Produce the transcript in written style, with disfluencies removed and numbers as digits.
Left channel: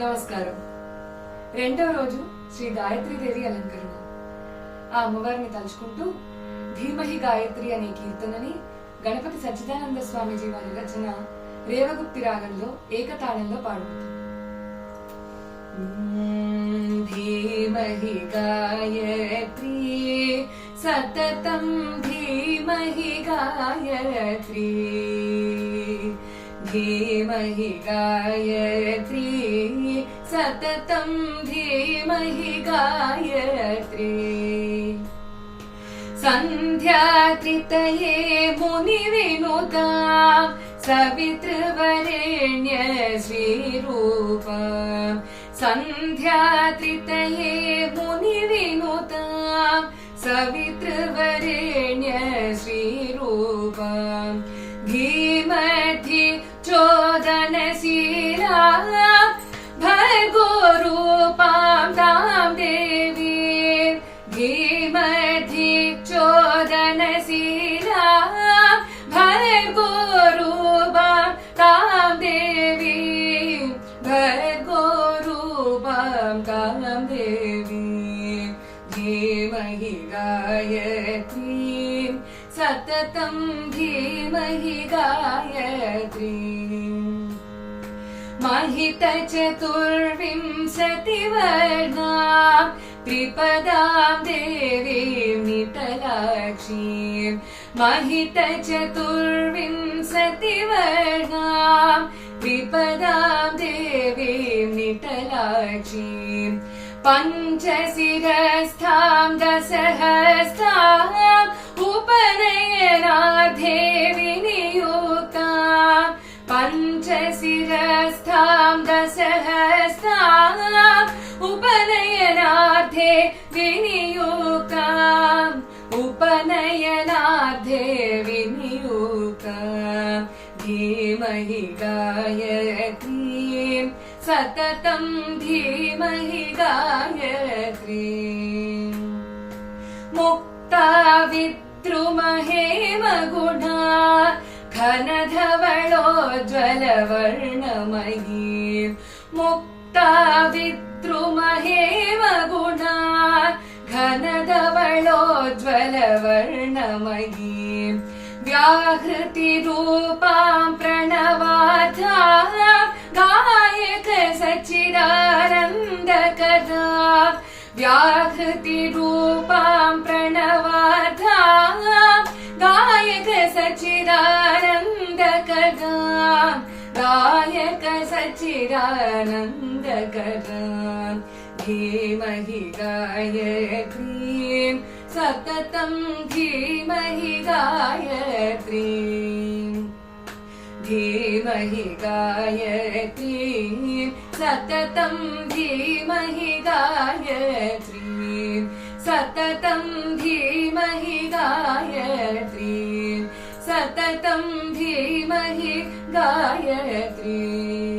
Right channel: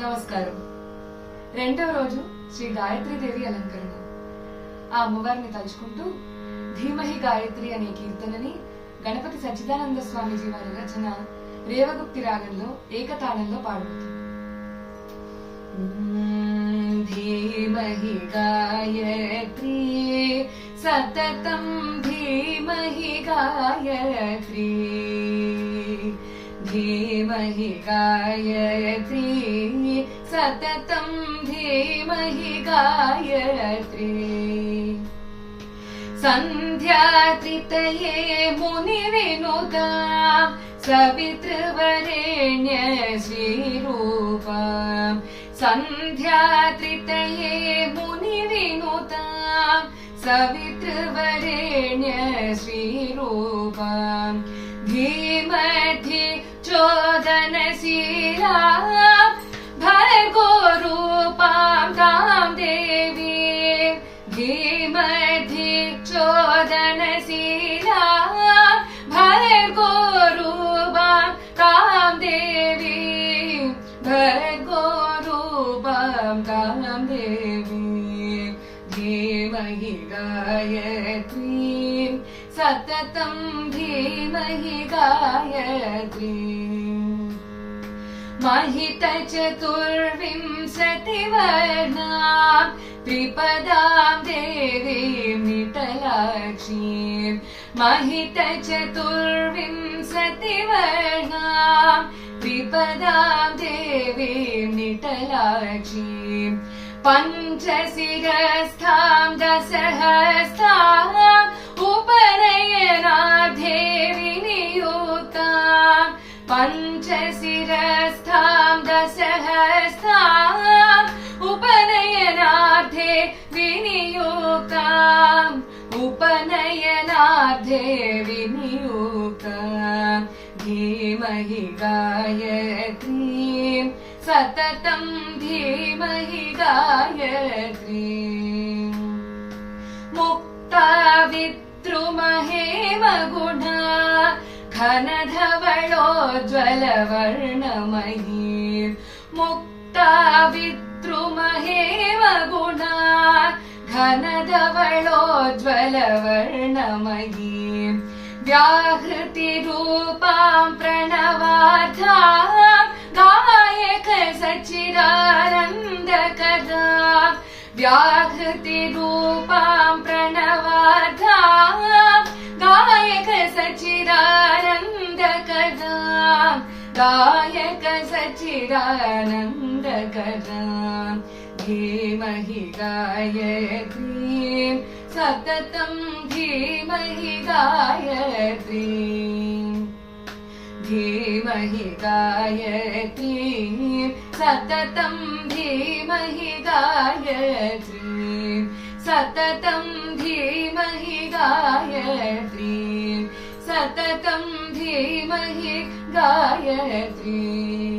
నమస్కారం. రెండవ రోజు శ్రీ గాయత్రీదేవి అలంకరణ. ఆ అమ్మవారిని తలుచుకుంటూ ధీమహి గాయత్రి అనే కీర్తనని గణపతి సచ్చిదానంద స్వామీజీ వారి రచన రేవగుప్తి రాగంలో ఏకతాళంలో పాడుతాం. ధీమహి గాయత్రి సతతం ధీమహి గాయత్రి धीमहि गायत्री सततं धीमहि गायत्री सन्ध्यात्रितये मुनिविनुता सवितृवरेण्य श्रीरूपा सन्ध्यात्रितये मुनिविनुता सवितृवरेण्य श्रीरूपा धीमहि चोदनशीला भर्गो रूपां तां देवी धीमहि चोदनशीला भर्गो रूपां तां देवी भर्गो रूपां तां देवी धीमहि गायत्री सततं धीमहि गायत्री महितचतुर्विंशतिवर्णा त्रिपदां देवीं निटलाक्षीं महितचतुर्विंशतिवर्णा त्रिपदां देवीं निटलाक्षीं पञ्चशिरस्थां दशहस्ताम् उपनयनार्थे विनियुक्तां पञ्चशिरस्थां दशहस्ताम् उपनयनार्थे विनियुक्ताम् उपनयनार्थे विनियुक्तां धीमहि गायत्रीं सततं धीमहि गायत्रीं मुक्ता विद्रुमहेमगुणा घनधवलोज्ज्वलवर्णमयी मुक्ता विद्रुमहेमगुणा घनधवलोज्ज्वलवर्णमयी व्याहृतिरूपां प्रणवार्धां गायक सच्चिदानन्दकदा व्याहृतिरूपां प्रणवार्धां गायक सच्चिदानन्दकदा गायक सच्चिदानन्दकदा धीमहि गायत्रीं सततं धीमहि गायत्रीं धीमहि गायत्रीं सततं धीमहि गायत्रीं सततं धीमहि गायत्रीं सततं धीमहि गायत्रीं।